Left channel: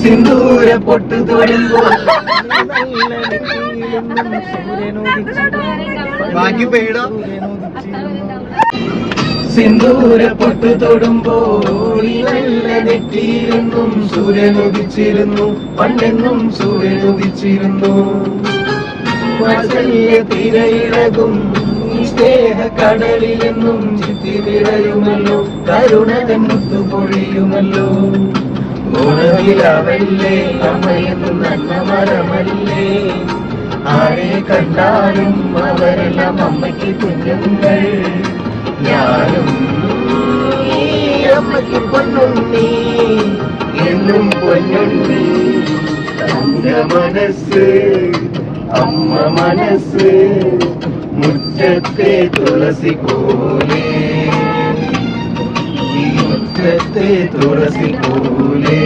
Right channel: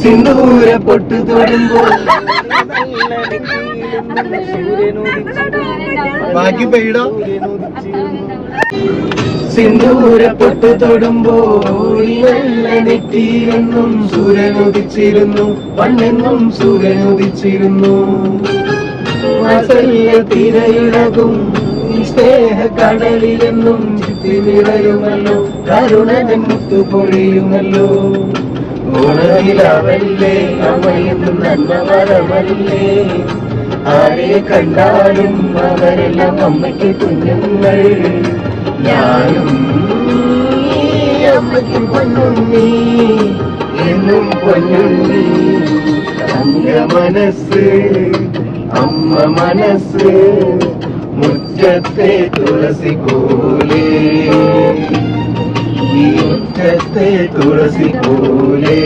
സിന്ദൂര പൊട്ടു തൊടുമ്പോൾ ബാക്കി പെയ്യടോ. സിന്ദൂര പൊട്ടു തൊടുമ്പോൾ നെറ്റിയിലെന്നും സൂര്യനുദിച്ചിരുന്നു, പണ്ടെന്നും സൂര്യനുദിച്ചിരുന്നു. തിരയിടകും സ്നേഹ കടലിലെന്നും ചിത്തി നിറയുമല്ലോ, കരുണതൻ മുത്തു പൊഴിയുമല്ലോ. ഓണവിലാവല്ലേ അമ്മയെന്നും നല്ല വരമല്ലേ, ആരെ കണ്ടാലും അവരെല്ലാം അമ്മയ്ക്ക് കുഞ്ഞുങ്ങൾ. ഞാനും അമ്മയ്ക്ക് പൊന്നുണ്ണി, എന്നും പൊന്നുണ്ണി. അമ്മ മനസ്സ് അമ്മ മനസ്സ് മുറ്റത്തെ തുളസി പോലെ, മുറ്റത്തെ തുളസി പോലെ.